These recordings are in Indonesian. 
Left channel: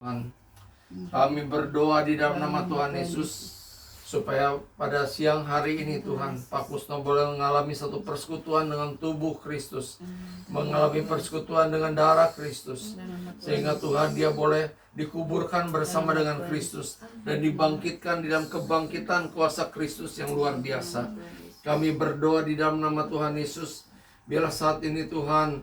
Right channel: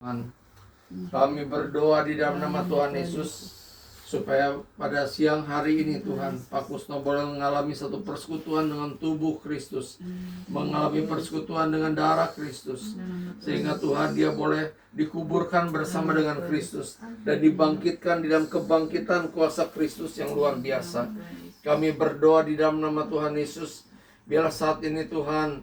Tuhan, kami berdoa di dalam nama Tuhan Yesus supaya pada siang hari ini Tuhan, Pak Kusno boleh mengalami satu persekutuan dengan tubuh Kristus, mengalami persekutuan dengan darah Kristus, sehingga Tuhan dia boleh dikuburkan bersama dengan Kristus dan dibangkitkan di dalam kebangkitan kuasa Kristus yang luar biasa. Kami berdoa di dalam nama Tuhan Yesus, biarlah saat ini Tuhan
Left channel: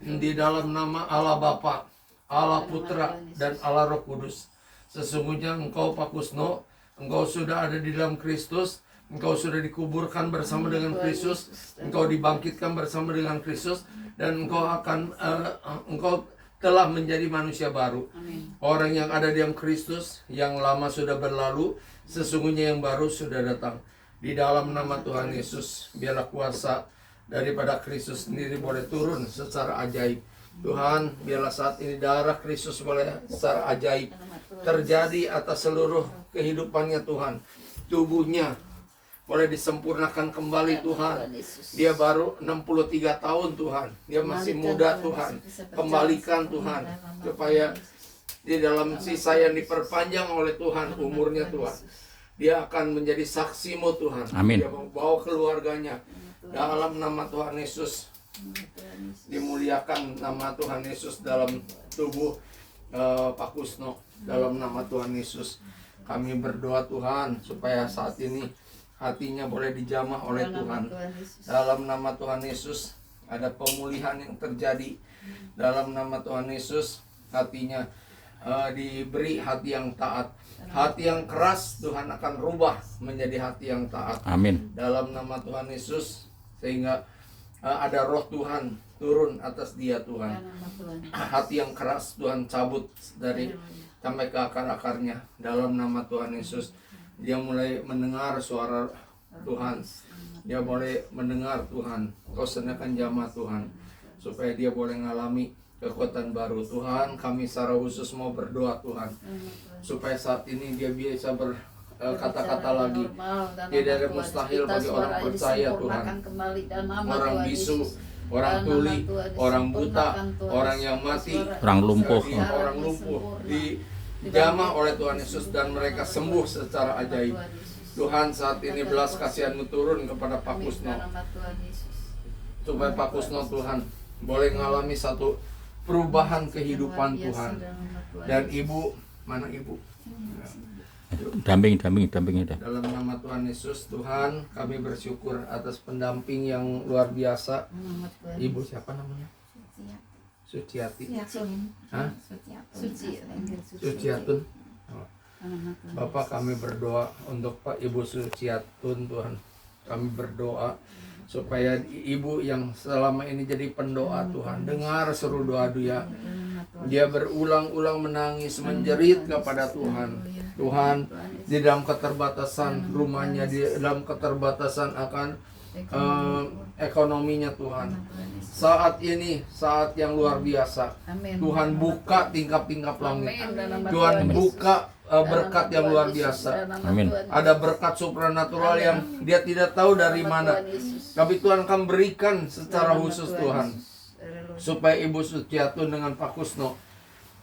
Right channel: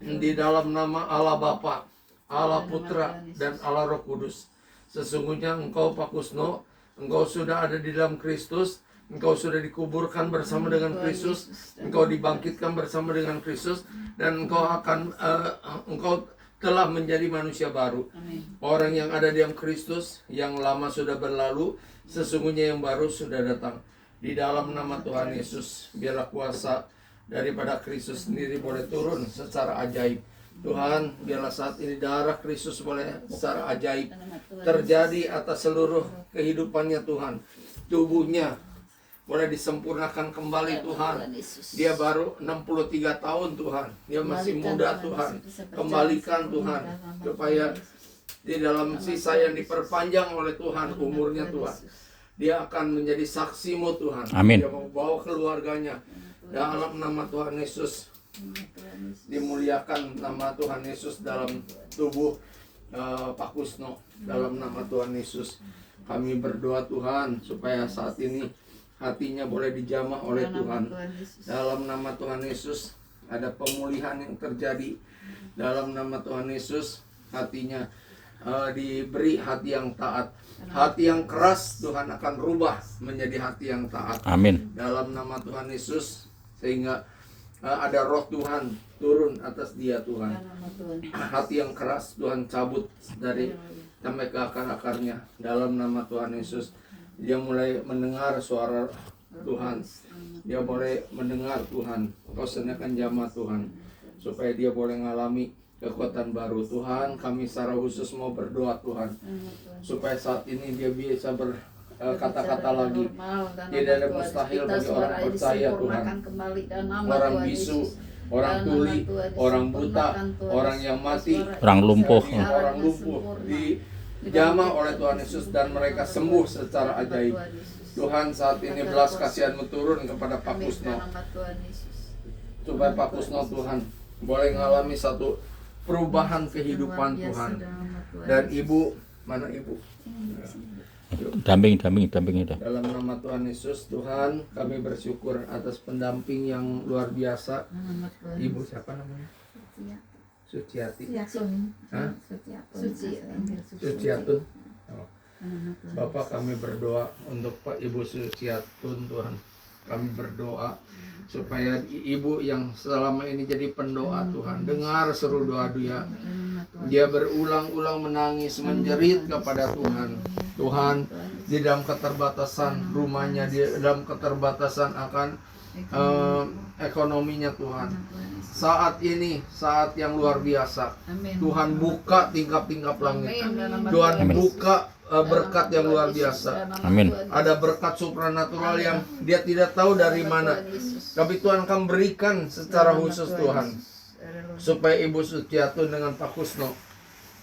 di dalam nama Allah Bapa, Allah Putra, dan Allah Roh Kudus, sesungguhnya Engkau Pak Kusno, Engkau sudah ada di dalam Kristus, Engkau sudah dikuburkan bersama dengan Kristus, Engkau dibangkitkan bersama dengan Kristus, dan Engkau telah menjadi manusia baru. Orang yang ada di dalam Kristus, yang lama sudah berlalu, sesungguhnya yang baru sudah datang. Di dalam nama Tuhan Yesus, biarlah kuasa daripada Kristus sendiri boleh turun secara ajaib. Tuhan, biarlah saat ini darah Kristus boleh secara ajaib terjadi atas seluruh kehidupannya Tuhan. Tubuhnya boleh disempurnakan kembali Tuhan. Dia baru 63 tahun Tuhan. Dia masih muda Tuhan. Kembalikan Tuhan, supaya di dalam sisa yang diperpanjang oleh Tuhan umurnya Tuhan, dia akan menjadi saksimu Tuhan. Amin. Dia membawa keluarganya dalam nama Tuhan Yesus. Dimuliakan nama Tuhan Yesus dalam tubuh Pak Kusno. Dalam nama Tuhan Yesus kami berdoa Tuhan, supaya saat ini hatinya boleh dijamah oleh Tuhan. Dalam nama Tuhan Yesus ada pemulihan yang terjadi. Dalam nama Tuhan Yesus hatinya diberi hati yang taat. Hati yang keras Tuhan akan rubah menjadi hati yang taat. Amin. Dalam nama Tuhan Yesus, sehingga ada roh Tuhan turun atas dia Tuhan. Hati yang keras Tuhan cabut dari sampai ke akar-akarnya. Dalam nama Tuhan Yesus, dia mulai mendengar suara Tuhan. Dia boleh mendengar Tuhan. Kau sediakan jamaah Tuhan, supaya dia boleh mengalami kekuatan baru. Tuhan, kami secara khusus mau berdoa Tuhan, supaya saat ini dia bisa kata-kata lagi. Tidak ada mustahil bagi orang percaya Tuhan. Orang bisu, orang tuli, orang buta, orang yang mati, Orang lumpuh. dijamah oleh Tuhan Yesus dan mereka sembuh secara ajaib. Tuhan, saat ini belas kasihan-Mu turun kepada Pak Kusno, supaya Pak Kusno Tuhan boleh mengalami satu perubahan kehidupan Tuhan. Dan ibu, mana ibu? Damping dah. Dalam nama Tuhan Yesus, Tuhan, kami bersyukur atas pendamping yang luar biasa. Ibu siapa namanya? Suciati. Hah? Suciatun. Oh. Bapak, kami berdoa untuk Pak Ibu Suciatun Tuhan. Kami berdoa supaya ibu yang selama ini jadi pendoa Tuhan, dengar seru doa dia. Dia berulang-ulang menangis, menjerit kepada Tuhan. Tuhan, di dalam keterbatasan rumahnya, di dalam keterbatasan akan ekonominya Tuhan. Saat ini, saat yang luar biasa. Tuhan buka tingkap-tingkap langit. Tuhan buka berkat yang luar biasa. Amin. Ada berkat supranatural yang dia tidak tahu dari mana, tapi Tuhan akan berikan secara khusus Tuhan, supaya Ibu Suciatun dengan Pak Kusno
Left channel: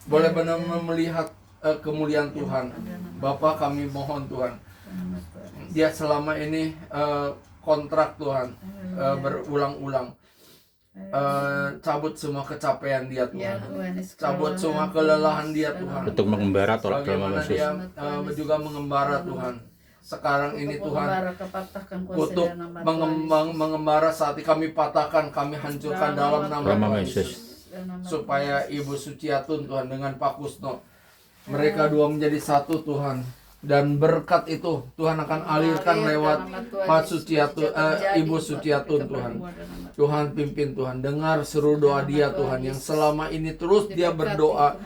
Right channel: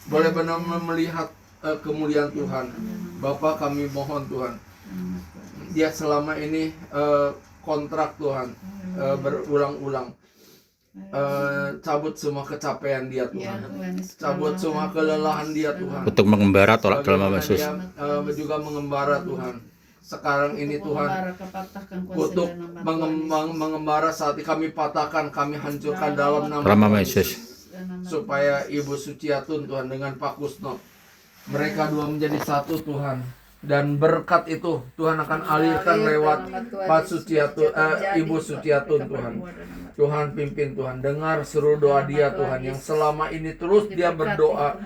boleh benar-benar melihat kemuliaan Tuhan. Bapak, kami mohon Tuhan, dia selama ini kontrak Tuhan berulang-ulang, cabut semua kecapean dia Tuhan, cabut semua kelelahan dia Tuhan, Untuk mengembara tolak dalam bagaimana Yesus. dia juga mengembara Tuhan. Sekarang ini Tuhan, kutuk mengembara saat ini kami patahkan, kami hancurkan dalam nama Tuhan Yesus. Supaya Ibu Suciatun Tuhan dengan Pak Kusno, mereka dua menjadi satu Tuhan. Dan berkat itu Tuhan akan alirkan lewat Pak Suciatun, Ibu Suciatun Tuhan. Tuhan pimpin Tuhan, dengar seru doa dia Tuhan, yang selama ini terus dia berdoa.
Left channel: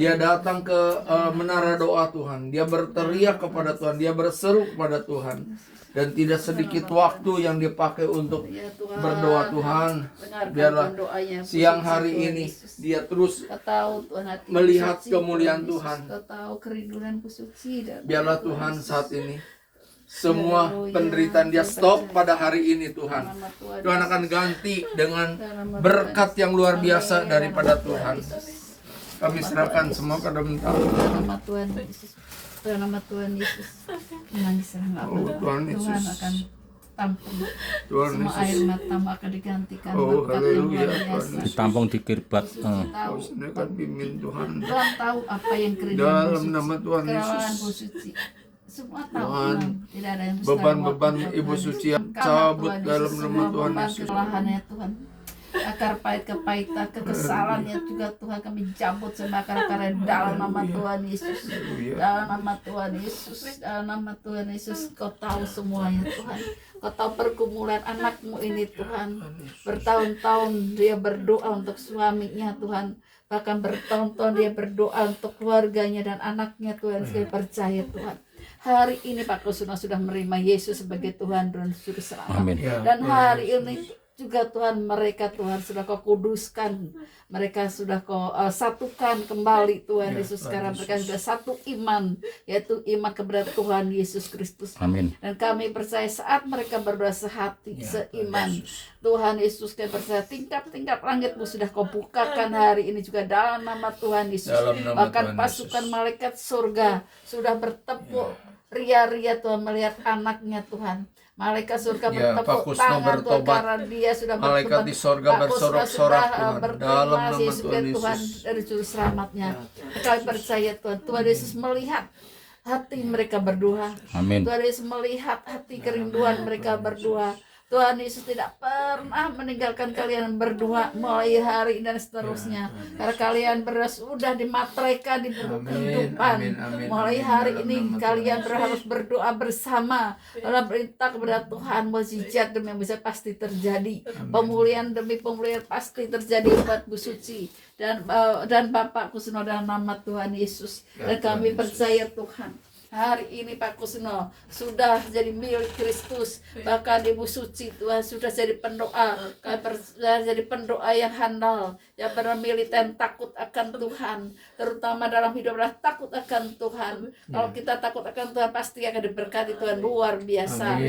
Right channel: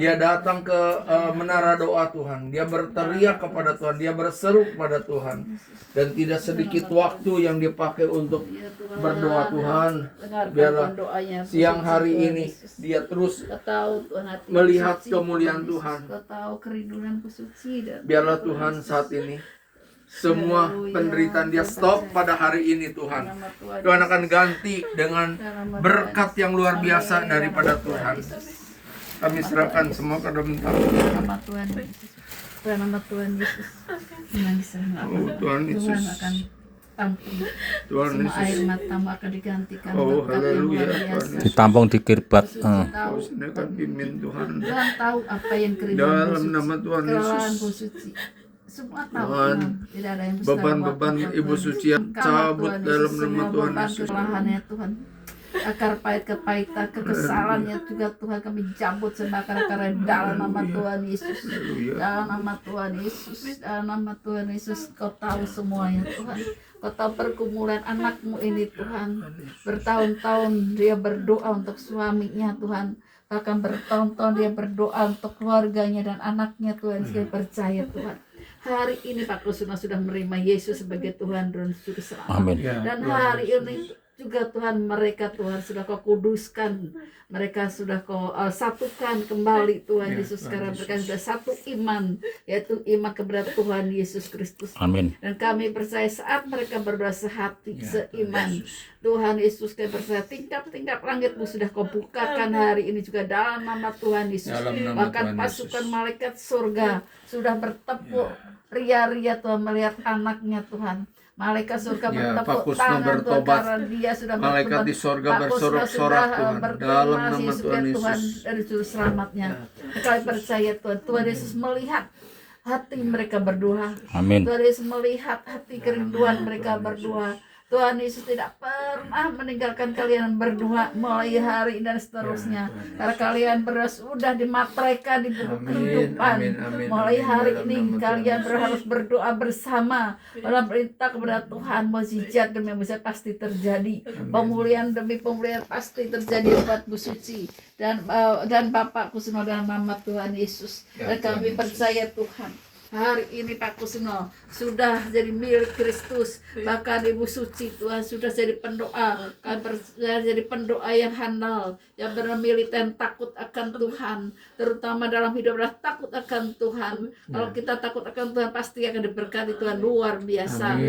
Dia datang ke menara doa Tuhan, dia berteriak kepada Tuhan, dia berseru kepada Tuhan. Dan tidak sedikit waktu yang dipakai untuk berdoa Tuhan. Biarlah siang hari ini dia terus melihat kemuliaan Tuhan. Biarlah Tuhan saat ini semua penderitaan dia stop pada hari ini Tuhan. Tuhan akan ganti dengan berkat yang luar biasa daripada Tuhan. Kami serahkan semua ke dalam tangan Dalam nama Tuhan Yesus. Dalam nama Tuhan Yesus. Mengisahkan apa? Oh, Tuhan Yesus. Tuhan akan tampung. Tuhan Semua Yesus. air matamu akan digantikan Oh, berkat yang haleluya, luar Tuhan biasa. Yesus. Tampung di kirbat. Tahu, Kau sediakan pimpin Tuhan. Tuhan tahu apa yang kerinduan Dalam Bu Suci, nama Tuhan kelelahan Yesus. Bu Suci. Semua tahu Tuhan, Tuhan. Tidak ada yang mustahil beban-beban buat Ibu Tuhan. Suci yang Engkau, cabut Tuhan dalam Yesus, nama semua Tuhan beban Yesus. kesalahannya Tuhan. Akar pahit kepahitan, kekesalannya juga Tuhan kami cabut sama akar-akar dalam nama Tuhan Yesus. Dalam nama Tuhan Yesus, dalam nama Tuhan Yesus, Kau tahu semuanya Tuhan. Kau tahu pergumulan anakmu ini Tuhan. Bertahun-tahun dia berdoa untuk suaminya Tuhan. Bahkan bertahun-tahun dia berdoa untuk keluarganya dan anaknya Tuhan. Saya percaya Tuhan. Hari ini Pak Kusuma sudah menerima Yesus sebagai Tuhan dan Juru Selamat. Amin. Dan hari ini juga Tuhan mereka Tuhan sudah Kau kuduskan, mereka sudah Kau satukan kembali Tuhan Yesus. Sekarang mereka sudah satu iman, yaitu iman kepada Tuhan Yesus Kristus. Amin. Dan kami percaya saat mereka berbahasa hati seiman, Tuhan Yesus, kami percaya tingkap-tingkap langitmu sudah Kau bukakan hari ini juga dalam nama Tuhan Yesus. Dalam nama Bahkan Tuhan pasukan Yesus. malaikat surga sudah bertepuk ria-ria Tuhan melihat anaknya Tuhan. Malaikat surga Ya, Pak bertepuk Kusno tangan Tuhan bertobat. karena dia sudah Malaikat di sorga Pak Kusno bersorak-sorak sudah, Tuhan. berterima Dalam kasih nama sebagai Tuhan Tuhan Yesus. dari Juru Selamatnya. Kami percaya Tuhan, Tuhan Yesus melihat hati mereka berdoa. Amin. Tuhan Yesus melihat hati kerinduan mereka berdoa. Tuhan Yesus tidak pernah meninggalkan kalian berdua mulai hari dan seterusnya. Karena kalian berdua sudah dimateraikan di buku kehidupan. amin, amin, Mulai amin. hari Dalam ini nama kalian Tuhan harus berdoa bersama dalam perintah kepada Tuhan. Mukjizat demi mukjizat pasti terjadi. Pemulihan demi pemulihan pasti terjadi buat Bu Suci dan Bapak Kusno dalam nama Tuhan Yesus. Dan kami percaya Tuhan, hari ini Pak Kusno sudah jadi milik Kristus. Bahkan Ibu Suci Tuhan sudah jadi pendoa. Sudah jadi pendoa yang handal, yang benar militan, takut akan Tuhan. Terutama dalam hidup adalah takut akan Tuhan. Kalau kita takut akan Tuhan pasti akan diberkati Tuhan luar biasa. Amin.